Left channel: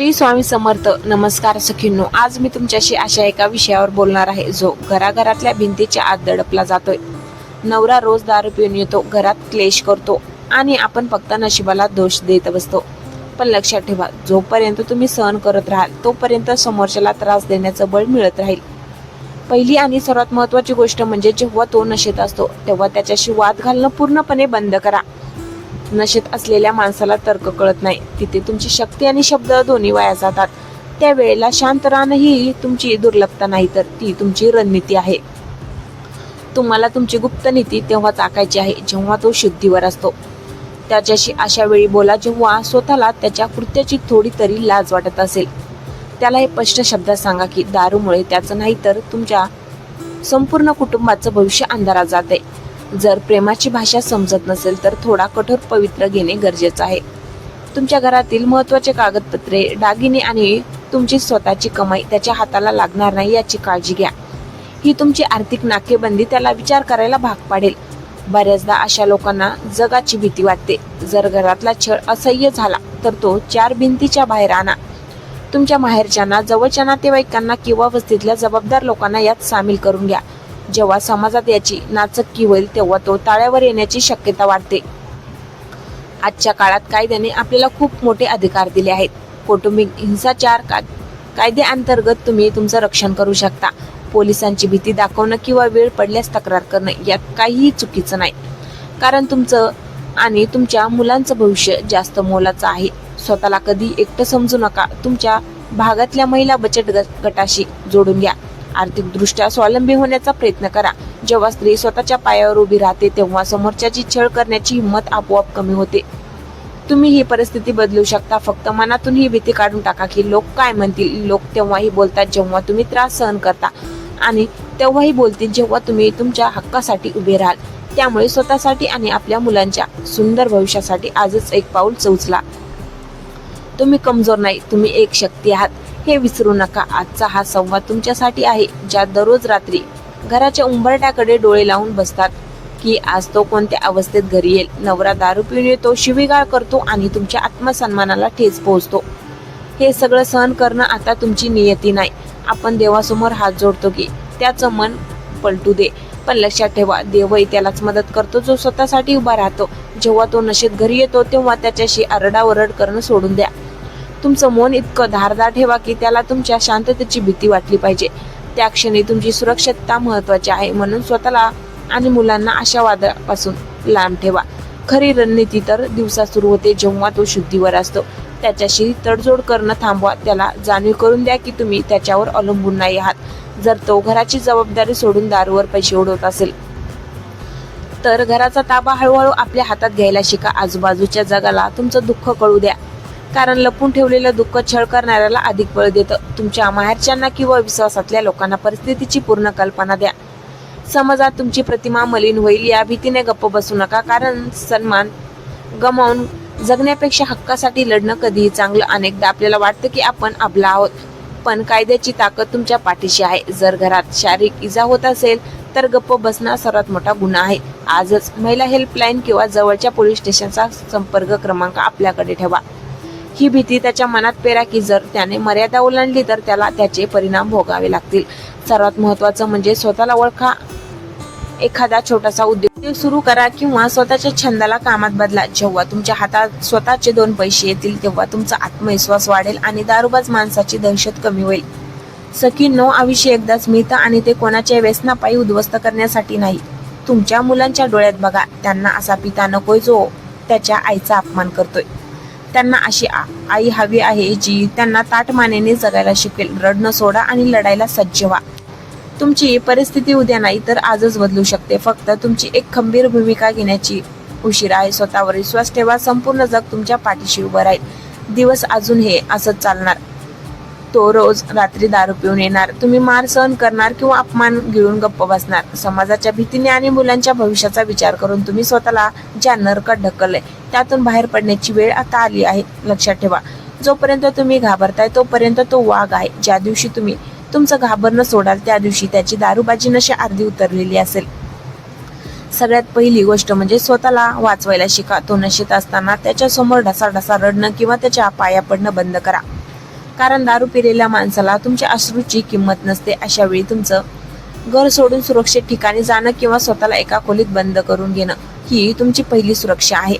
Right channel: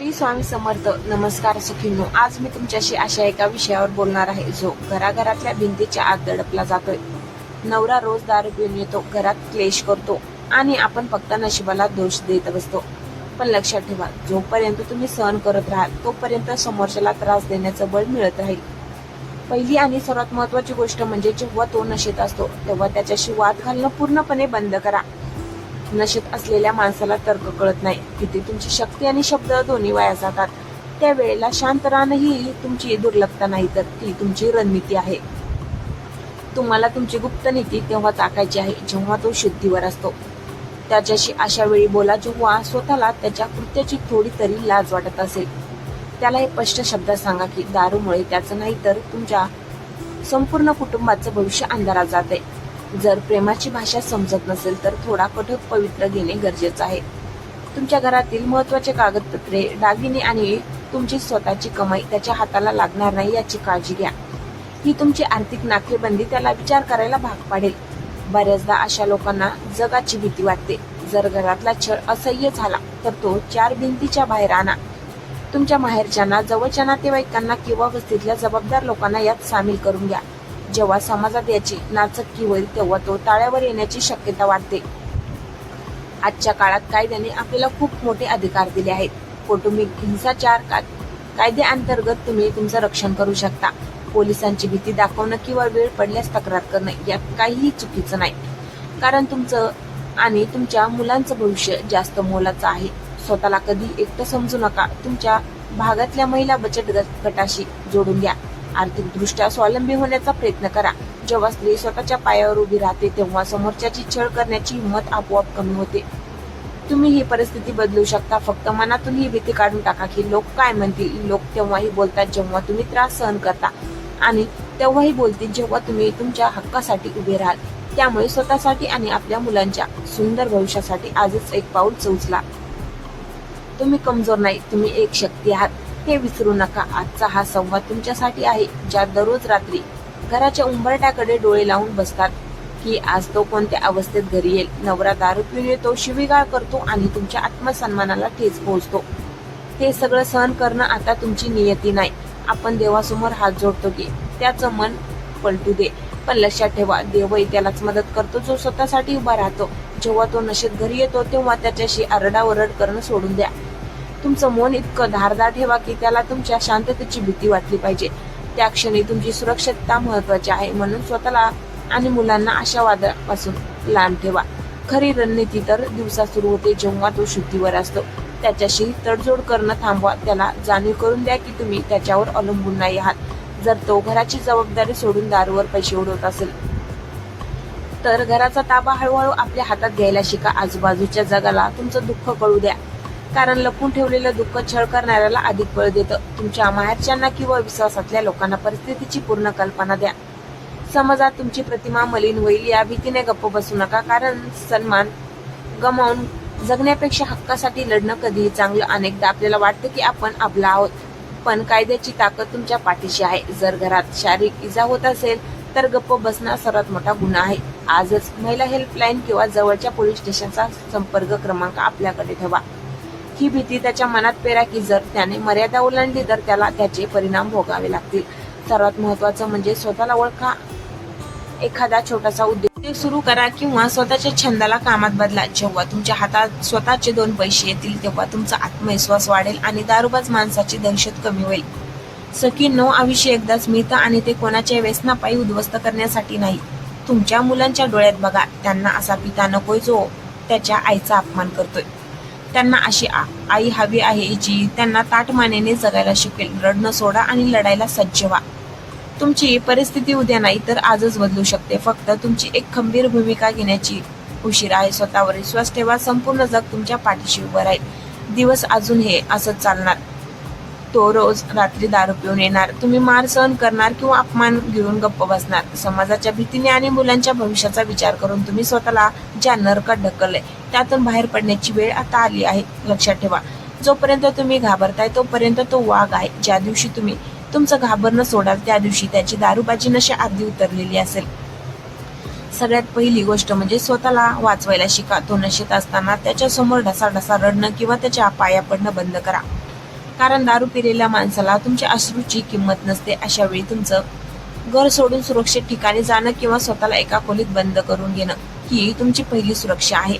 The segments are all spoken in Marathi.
श्री स्वामी समर्थ. नमस्कार सखींनो, आज मी तुमच्याशी अशा एका विषयावर बोलणार आहे जो घराघरातल्या भिंतीच्या आत दडपला जातोय. नवरा रोज दारू पिऊन येतो, घरात क्लेश करतो आणि आपण फक्त नशिबाला दोष देत बसतो. पण लक्षात ठेवा, जोपर्यंत तुम्ही सहन करत राहाल तोपर्यंत समोरच्याला त्रास देण्याचं बळ मिळत राहील. पहिली आणि सर्वात महत्वाची गोष्ट म्हणजे जेव्हा तो नशेत असतो तेव्हा त्याच्याशी वाद घालणं पूर्णपणे बंद करा. नशेत असलेल्या माणसाला तर्क कळत नाही, तिथे तुमची शक्ती आणि शब्द दोन्ही वाया जातात. त्यावेळेला शांत राहणं ही तुमची दुर्लभता नाही तर ती तुमची रणनीती आहे. तुम्हाला तुमची गुप्त नीती तेव्हा टाकायची आहे जेव्हा तो शुद्धीवर असतो. त्याच्याशी अशा वेळी बोला जेव्हा स्वतःला त्याच्या कृत्याची थोडी तरी लाज वाटत असेल. त्याला हे स्पष्ट शब्दात सांगा की दारूमुळे त्याचं नाही तर तुमच्या संपूर्ण कुटुंबाचं भविष्य अंधारात जाते. जर प्रेमाची भाषा समजत नसेल तर थोडा कठोर पवित्र घेणे गरजेचं आहे. तुमच्या घरातील महत्वाचे कागदपत्रे, दागिने आणि तुमची स्वतःची कमाई त्याच्या हाताला लागणार नाही याची काळजी घ्या. ही तुमची आर्थिक नाकेबंदी त्याला विचार करायला भाग पाडेल. बऱ्याचदा अशा लोकांना जगाची भीती वाटते. जर घरातला छळ असह्य झाला तर तो चार भिंतीच्या बाहेर आणा. तुमच्या माहेरच्यांना, जवळच्या नातेवाईकांना किंवा वस्तीतल्या जबाबदार लोकांना यात सामील करून घ्या. जेव्हा समाजात याची नाचक्की होईल तेव्हा तो ताळ्यावर येण्याची शक्यता वाटते. आजच्या काळात कायद्याने आपल्याला खूप मोठे अधिकार दिले आहेत. कौटुंबिक हिंसाचार कायद्याअंतर्गत तुम्ही तुमचं रक्षण करू शकता. पोलिसांची भीती दाखवणं किंवा वेळ पडल्यास तक्रार करणं यात काहीही चुकीचं नाही, कारण तुमचं आणि तुमच्या मुलांचं भविष्य जास्त मोलाचं आहे. स्वतःला कधी एकटं समजू नका. तुमच्या भागातल्या महिला बचत गटाशी जोडून घ्या. आर्थिक दृष्ट्या स्वावलंबी होण्याचा प्रयत्न करा. जेव्हा स्त्री स्वतःच्या पायावर उभी राहते तेव्हा समोरच्याची छळ करण्याची हिंमत आपोआप कमी होते. तुम्ही ही परिस्थिती बदलू शकता. फक्त मनातून ही भीती काढून टाका की लोक काय म्हणतील. लोक तेव्हाही बोलतात जेव्हा तुम्ही त्रास सहन करता आणि तेव्हाही बोलतील जेव्हा तुम्ही तुमच्या हक्कासाठी उभे राहाल. त्यामुळे स्वतःसाठी आणि आपल्या मुलांच्या सुंदर भविष्यासाठी आजच एक पाऊल उचला. तुम्ही कमजोर नाही, तुम्ही एक शक्ती आहात हे विसरू नका. आजचा हा संवाद तुमच्यासाठी आहे, ज्यात दररोज रात्री घराच्या उंबरट्याकडे डोळे लावून बसतात की आज तो कोणत्या अवस्थेत घरी येईल. नवरा दारू पिऊन येतो, शिवीगाळ करतो आणि तुमच्या आत्मसन्मानाला ठेच पोहोचतो. हे सगळं सहन करणं आता तुमची नियती नाही. आपण देवासमोर हात जोडतो की त्याचं मन पलटू दे. पण लक्षात ठेवा, देवही त्यालाच मदत करतो जो स्वतःसाठी उभा राहतो. जेव्हा तो नशेत घरी येतो तेव्हा त्याच्याशी आरडाओरड करणं सोडून द्या. तुमचं मन इतकं धारदार ठेवा की त्याला तुमच्या शांततेची भीती वाटली पाहिजे. त्या क्षणी तुमची सुरक्षितता महत्वाची आहे. म्हणून स्वतःला आणि मुलांना अशा वादापासून लांब ठेवा. खरी रणनीती तर दिवसा सुरू होते जेव्हा तो शुद्धीवर असतो. त्याच्याशी तडजोड करणं थांबवा. त्याला जाणीव करून द्या की तुम्ही त्याच्यावर अवलंबून नाही आहात. जर तो घराची जबाबदारी सोडून दारूवर पैसे उडवत असेल तर घराचा ताबा हळूहळू आपल्या हातात घ्यायला शिका. आजूबाजूच्या जगाला तुमचं दुःख कळू द्या, कारण लपून ठेवलेलं दुःख छळ करणाऱ्याला अधिक बळ देतं. तुमच्या माहेरच्यांना किंवा विश्वासातल्या लोकांना परिस्थितीची पूर्ण कल्पना द्या. समाजात तुमची प्रतिमा मलिन होईल या भीतीने गप्प बसू नका, कारण सन्मान गमावून जगण्यापेक्षा हक्कासाठी लढणं कधीही चांगलं. अनेकदा आपल्याला वाटतं की आपण अबला आहोत, पण कायद्याची ताकद तुमच्या पाठीशी आहे. जर घरात शारीरिक इजा होत असेल तर गप्प बसणं सर्वात मोठा गुन्हा आहे. आजच महिला हेल्पलाईन किंवा जवळच्या पोलीस स्टेशनचा संपर्क क्रमांक आपल्याकडे ठेवा. ही भीती त्याच्या मनात पेरा की जर त्याने मर्यादा ओलांडली तर त्याला त्याचे परिणाम भोगावे लागतील. सर्वात महत्वाचं म्हणजे स्वतःला ओळखा. एखादा छोटासा उद्योग सुरू करा किंवा स्वतःच्या छंदाला कामात बदला. जेव्हा तुमच्या हातात स्वतःचे 2 पैसे येतील तेव्हा तुमचा आत्मविश्वास वाढेल आणि दारूबाज माणसाची दहशत कमी होईल. सखींनो, आयुष्य एकदाच मिळतं आणि ते कोणाच्या व्यसनापायी उद्ध्वस्त करण्यासाठी नाही. तुमच्या मुलांच्या डोळ्यात बघा. त्यांना असा पिता नकोय जो त्याच्या आईचा अपमान करतोय. त्यांना अशी आई हवी आहे जी त्यांना ताठमानेने जगायला शिकेल. रडणं सोडा आणि लढायला सज्ज व्हा. तुमची परिस्थिती उद्या नाही तर आजच बदलू शकते. फक्त तुमची एक खंबीर भूमिका घेण्याची उशीर आहे. स्वतःवर विश्वास ठेवा. संपूर्ण जग तुमच्या पाठीशी उभं राहील. दिवस अजून हे असंच चालणार. तो रोज रात्री दारू पिऊन येणार. तुम्ही मार सहन करणार किंवा अपमान गिळून गप्प बसणार. समाजाच्या भीतीने आणि मुलांच्या भविष्याचा विचार करून तुम्ही स्वतःला ज्या नरकात ढकललंय त्यातून बाहेर पडण्याची वेळ आता आली आहे. लक्षात ठेवा, जोपर्यंत तुम्ही घाबरताय तोपर्यंत तो वाघ आहे. ज्या दिवशी तुम्ही तुमचं घाबरणं सोडाल त्या दिवशी त्याची दारूबाजी नशा अर्धी उतरलेली असेल. सगळ्यात पहिली गोष्ट म्हणजे स्वतःला वाचवायला शिका. तो नशेत असताना त्याच्या समोर ढसाढसा रडणं किंवा त्याच्या पाया पडणं बंद करा. कारण दारू पिलेल्या माणसाला तुमच्या अश्रूची किंमत नसते. अशा वेळी तुमचं घर सोडून सुरक्षित ठिकाणी जाणं किंवा स्वतःला एका खोलीत बंद करून घेणं ही तुमची पहिली सुरक्षा आहे.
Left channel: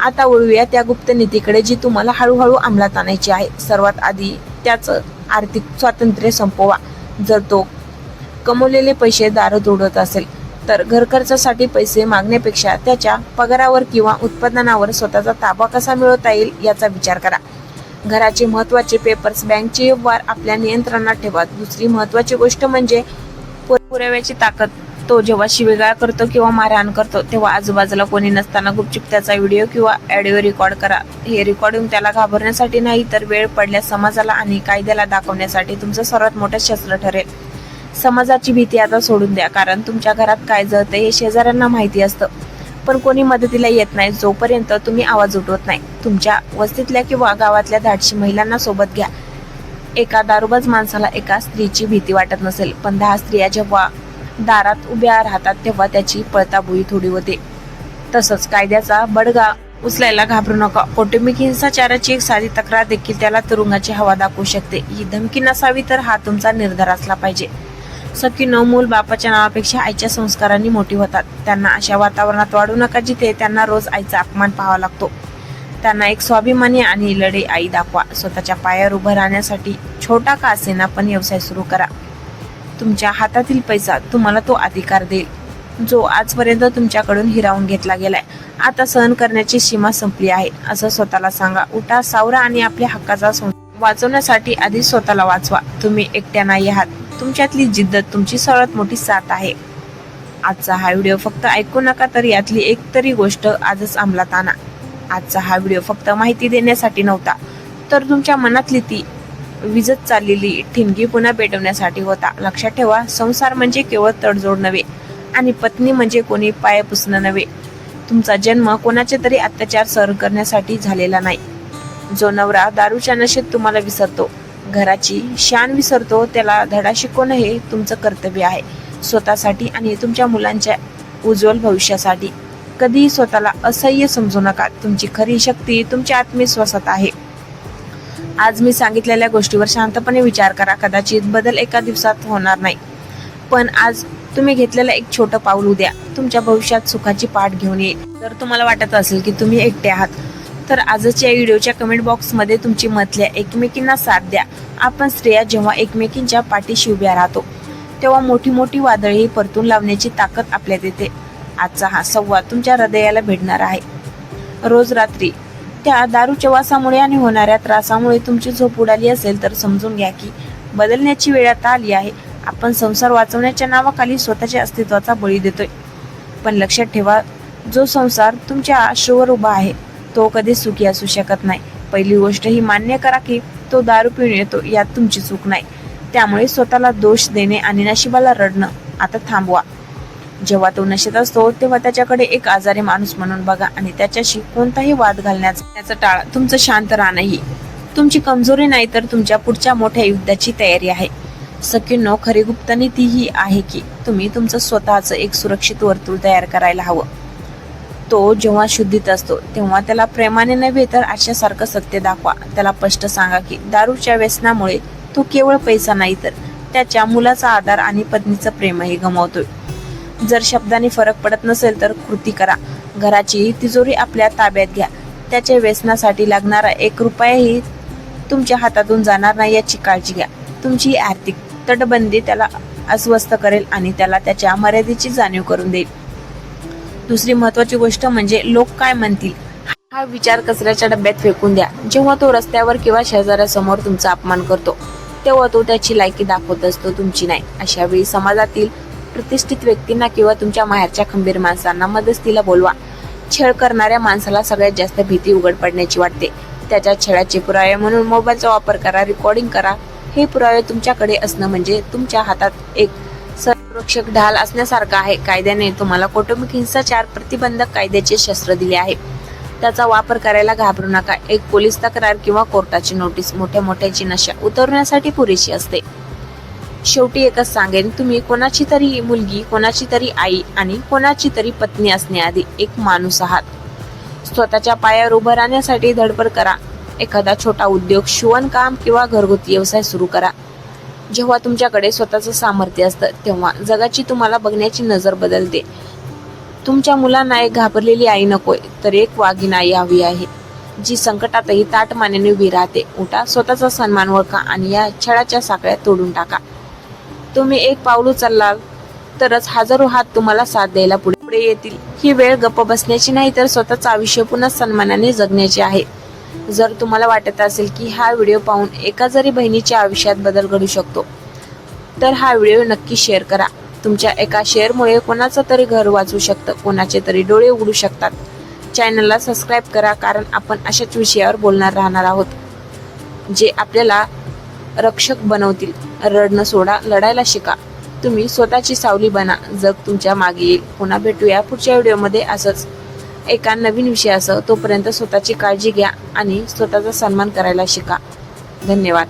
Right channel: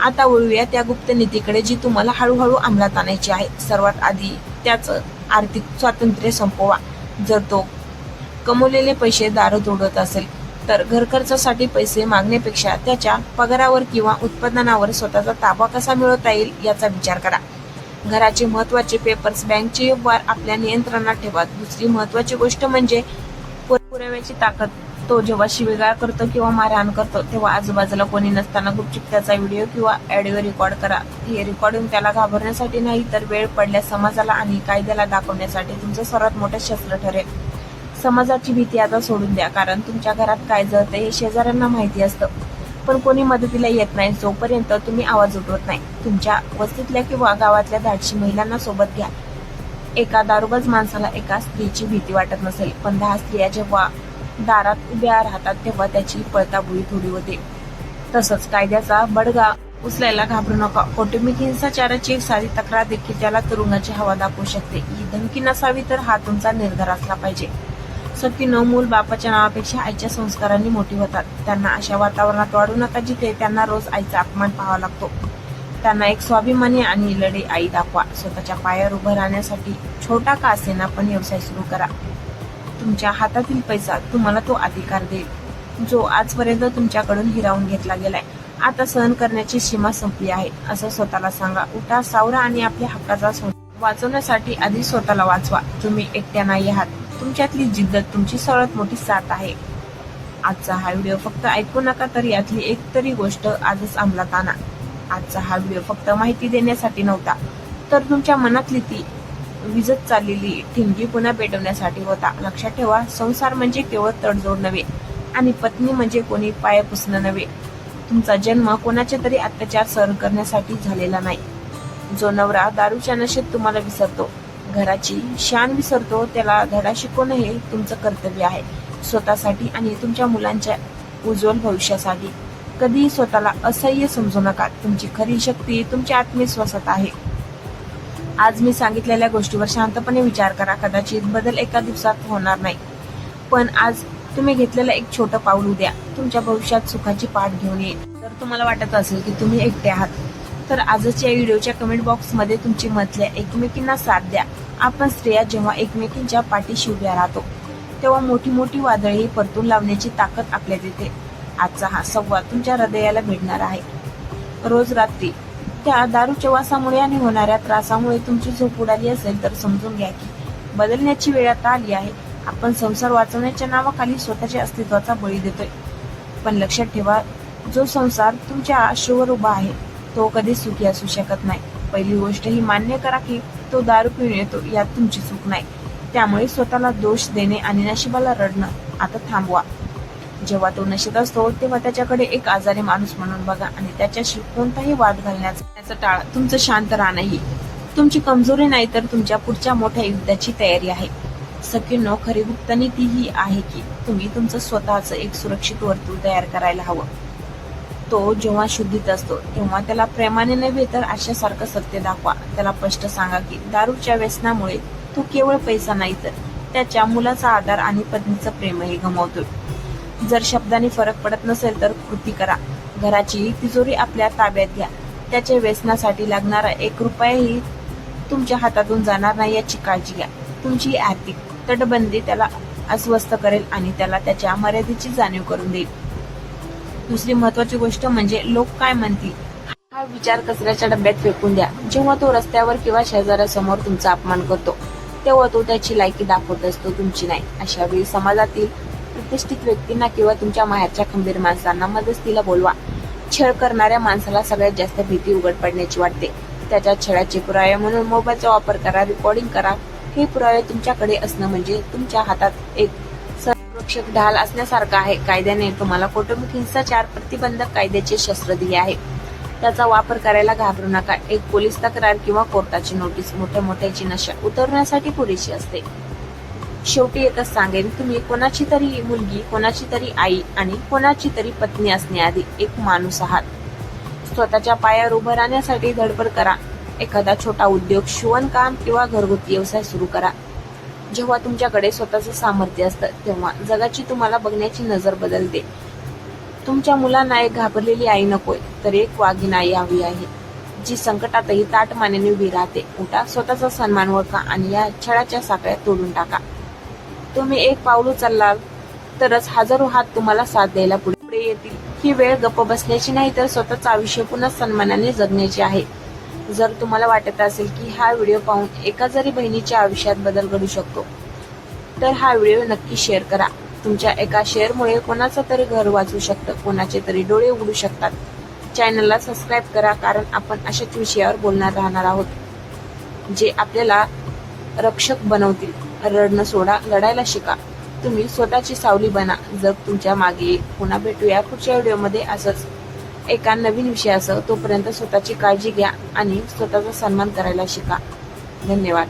आता वळूया त्या गुप्त नीतीकडे जी तुम्हाला हळूहळू अंमलात आणायची आहे. सर्वात आधी त्याचं आर्थिक स्वातंत्र्य संपवा. जर तो कमवलेले पैसे दारूत उडवत असेल तर घर खर्चासाठी पैसे मागण्यापेक्षा त्याच्या पगारावर किंवा उत्पादनावर स्वतःचा ताबा कसा मिळवता येईल याचा विचार करा. घराचे महत्वाचे पेपर्स, बँकचे व्यवहार आपल्या नियंत्रणात ठेवा. दुसरी महत्वाची गोष्ट म्हणजे पुराव्याची ताकद. तो जेव्हा शिवीगाळ करतो किंवा मारहाण करतो तेव्हा आजूबाजूला कोणी नसताना गुपचूप त्याचा व्हिडिओ किंवा ऑडिओ रेकॉर्ड करा. हे रेकॉर्डिंग त्याला घाबरण्यासाठी नाही तर वेळ पडल्यास समाजाला आणि कायद्याला दाखवण्यासाठी तुमचं सर्वात मोठं शस्त्र ठरेल. समाजाची भीती आता सोडून द्या, कारण तुमच्या घरात काय जळतंय हे शेजाऱ्यांना माहिती असतं, पण कोणी मदतीला येत नाही जोपर्यंत तुम्ही आवाज उठवत नाही. तुमच्या वस्तीतल्या किंवा गावातल्या धाडशी महिलांना सोबत घ्या. एका दारूबाज माणसाला एका स्त्रीची भीती वाटत नसेल, पण 10 स्त्रिया जेव्हा दारात उभ्या राहतात तेव्हा त्याची पळताभुई थोडी होते. तसंच कायद्याचा बडगा उचलायला घाबरू नका. कौटुंबिक हिंसाचाराची एक साधी तक्रार देखील त्याला तुरुंगाची हवा दाखवू शकते. ही धमकी नसावी तर हा तुमचा निर्धार असला पाहिजे. सखीनो, मूल बापाच्या नावापेक्षा आईच्या संस्कारांनी मोठी होतात. त्यांना अशा वातावरणात वाढू नका जिथे त्यांना रोज आईचा अपमान पाहावा लागतो. त्यांना एक स्वाभिमानी आणि लढे आई दाखवा. स्वतःच्या पायावर उभं राहण्यासाठी छोटा का असेना पण व्यवसाय सुरू करा. तुमच्या हातातील पैसा तुम्हाला तो अधिकार देईल जो आजपर्यंत तुमच्याकडून हिरावून घेतला गेलाय. आता सहन करण्याची सीमा संपली आहे असं स्वतःला सांगा. उठा, सावरा आणि आपल्या हक्काचा वाचवण्यासाठी आधी स्वतःला वाचवा. तुम्ही एकट्या नाही आहात. तुमच्यातली जिद्द तुमची सर्वात मोठी साथ आहे. आजचा हा व्हिडिओ फक्त ऐकू नका, तर यातली एक तरी गोष्ट आजच अंमलात आणा. आजचा हा व्हिडिओ फक्त माहिती देण्यासाठी नव्हता, तर तुमच्या मनातली ती विजत चाललेली ठिणगी पुन्हा पेटवण्यासाठी होता. लक्षात ठेवा, संसार म्हणजे केवळ तडजोड नव्हे आणि पत्नी म्हणजे कोणी पाय पुसणं नव्हे. तुमचा जन्म कोणाचे तरी अत्याचार सहन करण्यासाठी झालेला नाही. जो नवरा दारूच्या नशेत तुम्हाला विसरतो, घराची शान विसरतो, त्याला धडा शिकवणं हे तुमचं कर्तव्य आहे. स्वतःसाठी आणि तुमच्या मुलांच्या उज्ज्वल भविष्यासाठी. कधीही स्वतःला असह्य समजू नका. तुमची खरी शक्ती तुमच्या आत्मविश्वासात आहे. आज मी सांगितलेल्या गोष्टीवर शांतपणे विचार करा. कदाचित बदल एका दिवसात होणार नाही, पण आज तुम्ही घेतलेलं एक छोटं पाऊल उद्या तुमच्या भविष्यात सुखाची पाठ घेऊन येईल. जर तुम्हाला वाटत असेल की तुम्ही एकटे आहात तर आजच्या व्हिडिओच्या कमेंट बॉक्समध्ये तुमची मत लिहा. एकमेकींना साथ द्या. आपण स्त्रिया जेव्हा एकमेकींच्या पाठीशी उभ्या राहतो तेव्हा मोठी मोठी वादळही परतून लावण्याची ताकद आपल्यात येते. आजचा हा संवाद तुमच्या हृदयाला भेटणार आहे. रोज रात्री त्या दारूच्या वासामुळे आणि होणाऱ्या त्रासामुळे तुमची झोप उडाली असेल तर समजून घ्या की बदलण्याची वेळ आता आली आहे. आपण संसार वाचवण्याच्या नावाखाली स्वतःच्या अस्तित्वाचा बळी देतोय. पण लक्षात ठेवा, जो संसार तुमच्या अश्रूवर उभा आहे तो कधी सुखी असू शकत नाही. पहिली गोष्ट ही मान्य करा की तो दारू पिऊन येतो, यात तुमची चूक नाही. त्यामुळे स्वतःला दोष देणे आणि नशिबाला रडणं आता थांबवा. जेव्हा तो नशेत असतो तेव्हा त्याच्याकडे एक आजारी माणूस म्हणून बघा आणि त्याच्याशी कोणताही वाद घालण्याचा टाळा. तुमचं शांत राहणं ही तुमची कमजोरी नाही तर तुमच्या पुढच्या मोठ्या युद्धाची तयारी आहे. सखींनो, खरी गुप्त नीती ही आहे की तुम्ही तुमचं स्वतःचं एक सुरक्षित वर्तुळ तयार करायला हवं. तो जेव्हा शुद्धीत असतो तेव्हा त्याला प्रेमाने नव्हे तर आशासारखं सत्य दाखवा. त्याला स्पष्ट सांगा की दारूच्या व्यसनामुळे तो केवळ पैसा नाही तर त्याच्या मुलाचा आधार आणि पत्नीचं प्रेमही गमावतोय. जर शब्दांनी फरक पडत नसेल तर कृती करा. घराची तिजोरी आपल्या ताब्यात घ्या. त्याच्या व्यसनासाठी लागणारा 1 रुपयाही तुमच्या हातातून जाणार नाही याची काळजी घ्या. तुमची आर्थिक तटबंदी त्याला अस्वस्थ करेल आणि त्याला त्याच्या मर्यादेची जाणीव करून देईल. दुसरी महत्वाची गोष्ट म्हणजे लोक काय म्हणतील हा विचार कचऱ्याच्या डब्यात फेकून द्या. जेव्हा तो रस्त्यावर किंवा शेजाऱ्यासमोर तुमचा अपमान करतो तेव्हा तो त्याची लायकी दाखवत असतो, तुमची नाही. अशा वेळी समाजातील प्रतिष्ठित व्यक्तींना किंवा तुमच्या माहेरच्या खंबीर माणसांना मदतीला बोलवा. छळ करणाऱ्या माणसाला सगळ्यात जास्त भीती उघड पडण्याची वाटते. त्याच्या छळाचे पुरावे म्हणून मोबाईलचा वापर करा, रेकॉर्डिंग करा. हे पुरावे तुमच्याकडे असणं म्हणजे तुमच्या हातात एक संरक्षक ढाल असण्यासारखं आहे. कायद्याने तुम्हाला कौटुंबिक हिंसाचार प्रतिबंधक कायद्याचे शस्त्र दिले आहे. त्याचा वापर करायला घाबरू नका. एक पोलीस तक्रार किंवा कोर्टाची नोटीस मोठ्याची नशा उतरवण्यासाठी पुरेशी असते. शेवटी एकच सांगेन, तुम्ही कोणाची तरी मुलगी, कोणाची तरी आई आणि कोणाची तरी पत्नी असण्याआधी एक माणूस आहात. स्वतःच्या पायावर उभं राहण्यासाठी धडपड करा. एखादा छोटा उद्योग, शिवणकाम किंवा घरगुती व्यवसाय सुरू करा. जेव्हा तुमच्याकडे स्वतःचं सामर्थ्य असतं तेव्हा जगाची तुम्हाला बघण्याची नजर बदलते. तुमच्या मुलांना एक घाबरलेली आई नकोय, तर एक वाघीण आई हवी आहे, जी संकटातही ताठ मानेने उभी राहते. उठा, स्वतःचा सन्मान ओळखा आणि या छळाच्या साखळ्या तोडून टाका. तुम्ही एक पाऊल उचललाल तरच हजारो हात तुम्हाला साथ द्यायला पुढे येतील. ही वेळ गप्प बसण्याची नाही, तर स्वतःचं आयुष्य पुन्हा सन्मानाने जगण्याची आहे. जर तुम्हाला वाटत असेल की हा व्हिडिओ पाहून एका जरी बहिणीच्या आयुष्यात बदल घडू शकतो, तर हा व्हिडिओ नक्की शेअर करा. तुमच्या एका शेअरमुळे कोणाचं तरी घर वाचू शकतं, कोणाचे तरी डोळे उघडू शकतात. चॅनलला सबस्क्राईब करा, कारण आपण अशाच विषयावर बोलणार राहणार आहोत, जे आपल्याला रक्षक बनवतील. रडणं सोडा, लढायला शिका. तुम्ही स्वतःची सावली बना, जग तुमच्या मागे येईल. पुन्हा भेटूया पुढच्या व्हिडिओमध्ये असंच एका नवीन विषयासह. तोपर्यंत स्वतःची काळजी घ्या आणि स्वतःचा सन्मान करायला शिका. धन्यवाद.